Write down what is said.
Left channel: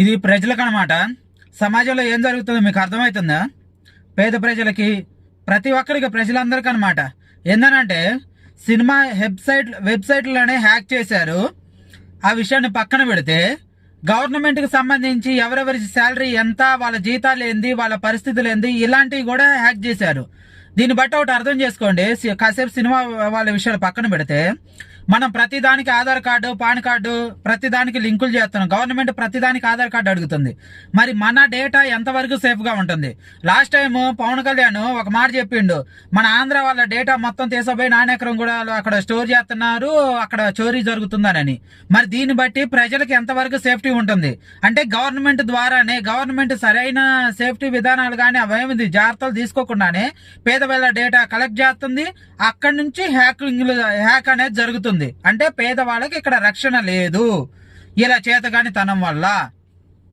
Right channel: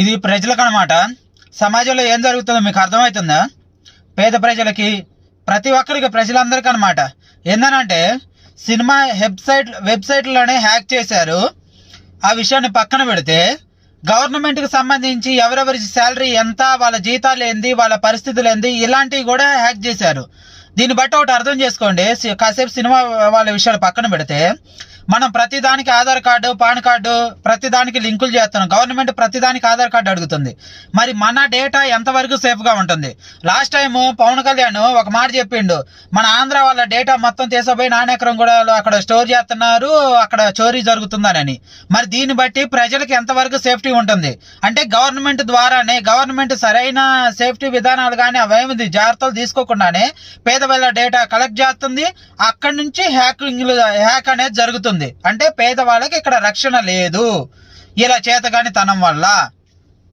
ఇది ప్రజలకు అనమాట. సమాజంలో ఏం జరుగుతుందో మీకు అర్థమవుతుందా? పేద ప్రజలకి, ప్రతి ఒక్కరికి, ప్రజలందరికీ అనమాట. ఏందనంటే సినిమా వెబ్సైట్లనే హ్యాక్ చేశారు. ఆ విషయాన్ని పక్కన పెడితే గవర్నమెంట్కి సంబంధించి ఎవరెవరి శాలరీ ఎంత, వాళ్ళ జీతాలు ఏంది, వాళ్ళ పరిస్థితులు ఏంది, ఇలాంటివి కూడా హ్యాక్ చేశారు. దీన్ని బట్టి ఒకటి అర్థం చేసుకోండి. కాసేపు సినిమా వాళ్ళ విషయాలు పక్కన పెడితే మనం ప్రతిదానికి ఆధార్ కార్డు, పాన్ కార్డు, ప్రతిదానికి లింకులు చేస్తున్నాం. గవర్నమెంట్ ప్రతిదానికి ఆధార్ కార్డు అడుగుతుంది. మరి మన డేటా ఎంతవరకు సేఫ్గా ఉంటుంది? లాస్ట్ టైము పవన్ కళ్యాణ్ ఒక మాట చెప్పిండు, మన ఆంధ్ర వాళ్ళ డేటా మొత్తం తీసపోయి నాణ్యకరం కూడా అక్కడ స్టోర్ చేస్తున్నారు, అక్కడ చోరీ జరుగుతుందని. మరి దీన్ని బట్టి ప్రజలకు ఎంతవరకు సేఫ్టీ ఉంటుంది? అంటే గవర్నమెంట్ ద్వారానే, గవర్నమెంట్ సరైన సేఫ్టీ విధానాలు కానీ అవేమి జాగ్రత్తలు తీసుకోకుండానే పేదవాళ్ళ డేటా కలెక్ట్ చేస్తుంది. అక్కడి నుంచి హ్యాక్ అనేది జరుగుతుంది. అంటే పేదవాళ్ళకి ఇక్కడ రక్షణ లేదు ఇలా చేతగాని తనం వల్ల.